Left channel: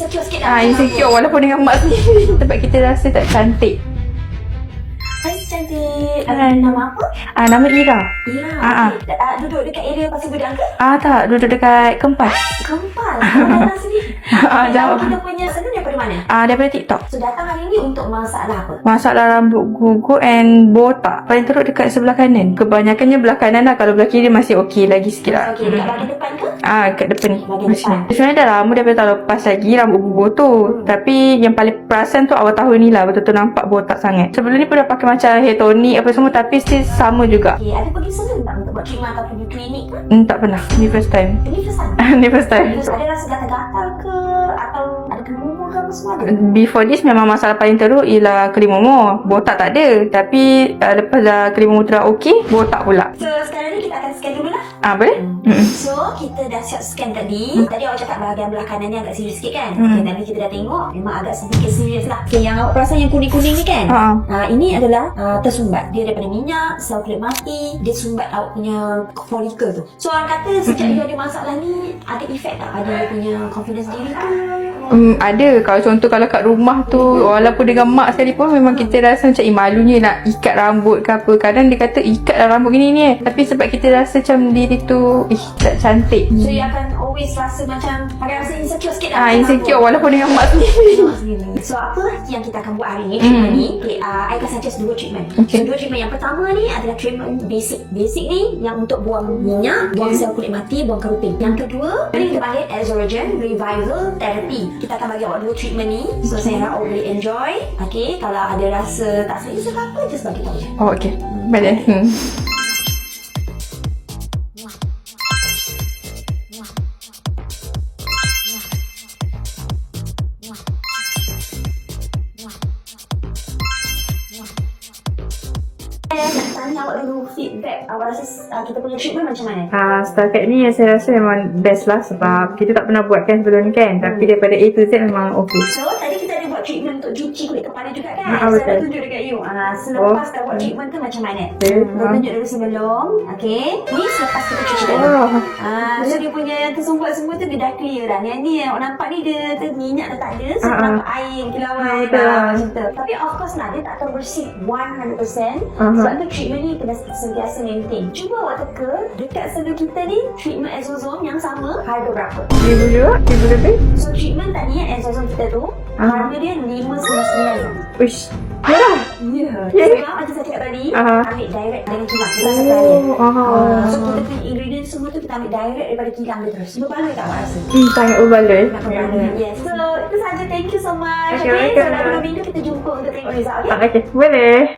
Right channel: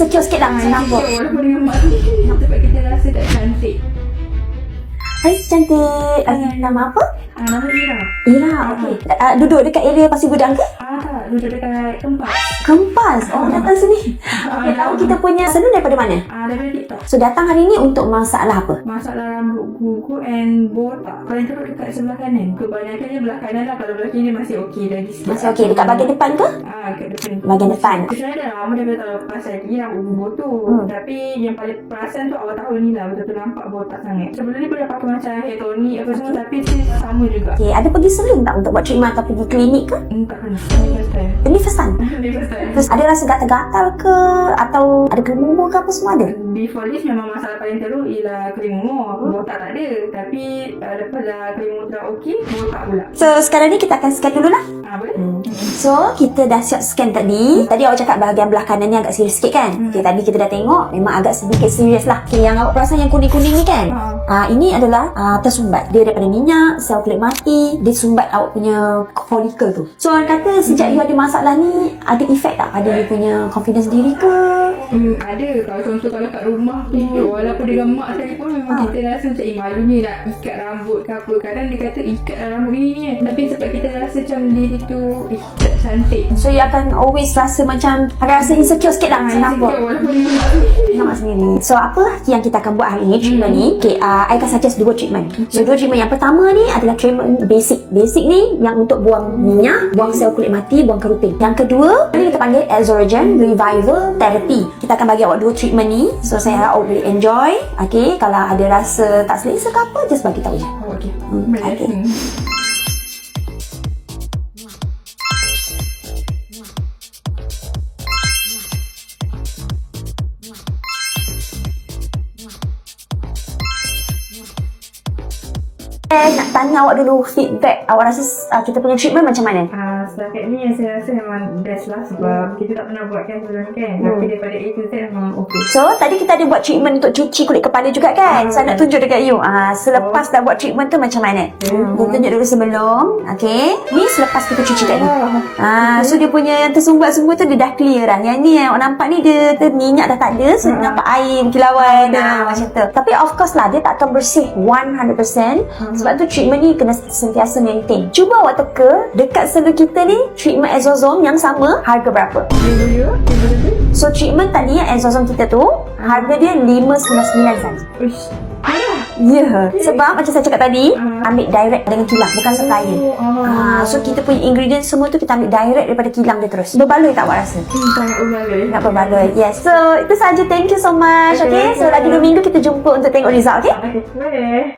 insecure sikit lah. Insecure walaupun dengan mak sendiri. Sebab kita rasa tak cantik. Hai cantik. Nama apa? Nama Ira. Ira. Okay. Duduk dekat area Pasir Gudang ke? Tak, duduk dekat Kempas. Kempas. Datang sini. Tahu kita punya salon daripada mana? Daripada TikTok. So datang hari ni untuk masalah apa? Masalah rambut gugur and botak. Paling teruk dekat sebelah kanan. Kebanyakannya belah kanan lah. Kalau belah kiri masih okey lagi sikit lah. Okey, dekat bahagian depan ke? Dekat depan ni. Bahagian depan. Sebenarnya dah lama daripada tahun lepas lagi rambut gugur tu. Tapi yang paling perasan tu awal tahun ni lah. Betul-betul nampak botak sangat. Sebelum ni pun dah pakai macam hair tonic apa semua, tapi still sama juga. Okay, ada pergi salon tak untuk buat treatment atau pergi klinik ke? Tak pernah. Ni first time. Ini first time? Ni first time. Terus ada rasa gatal-gatal ke? Atau ada kelimumur ke apa semua ada? Before this memang masalah paling teruk ialah kelimumur. Botak tak ada. Tapi lepas dah kelimumur tu dah okey, botak pula. So sekarang ni kita akan scan dululah. Boleh? So kita dah siap scan tadi. Tadi awak cakap bahagian belah kanan ni agak serius sikit kan? Okay, tadi kita dah tengok memang agak sedikit serius lah. Okay, yang awak perasan yang kuning-kuning ni kan? Ini adalah tersumbat. Dia daripada minyak, sel kulit mati. Dia sumbat awak punya follicle tu. So orang kata sejak you ada masalah ni, ada efek tak pada you punya confidence diri ke? Ada. Kalau contoh kalau kat rumah tu, walaupun dengan mak sekalipun, memang kita rasa macam malunya nak ikat rambut ke apa. Kadang dia kata ikatlah rambut gini ni tapi sebab kita rasa macam diri tu tak cantik. So you akan always rasa macam rasa insecure sikit lah. Insecure walaupun dengan mak sendiri. So apa yang kita akan buat hari ni, treatment ni? Okay, I akan suggest 2 treatment. So 2 treatment. Yang pertama ni adalah treatment basic. Basic ni yang untuk buang minyak, buang sel kulit mati, buang keratin. Yang kedua ni kita panggil Exoregen Revival Therapy. Kita akan bagi awak 2 treatment ni. So saya harap awak boleh enjoy. Okay, kalau ada rasa tak selesa ke apa, just bagi tahu je. Okay. Boleh. Nak tanya awak dulu feedback. Awak rasa kita punya treatment macam mana? Setakat ni saya rasa memang best lah. Sebab kita tak pernah buat kan sebelum ni kan. Tapi daripada A to Z memang okey. So tadi kita ada buat treatment untuk cuci kulit kepala juga kan? Saya nak tunjuk dekat you. Selepas dah buat treatment tu macam mana? Kita tunjuk dulu sebelum. Okay, ni selepas kita cuci kat you. So dia punya yang tersumbat semua tu dia dah clear dah. Yang ni yang awak nampak ni dia minyak dah tak ada. So dia nampak air berkilauan macam tu. Tapi of course lah, dia tak akan bersih 100%. Sebab tu treatment ni kena sentiasa maintain. Cuba awak teka dekat salon kita ni, treatment Exozome yang sama harga berapa? RM1,000 lebih. So treatment tadi yang Exozome kita tu harga dia RM599 saja. Uish, murah. Ya. Sebab macam saya cakap tadi, ambil direct dengan kilang, bukan supplier. So kita punya ingredient semua tu kita ambil direct daripada kilang dia terus. Berbaloi tak awak rasa? Sangat berbaloi. Nak berbaloi. Yes. So itu saja. Thank you so much. Okay. So lagi 2 minggu kita jumpa untuk tengok result. Okay. Okay, boleh.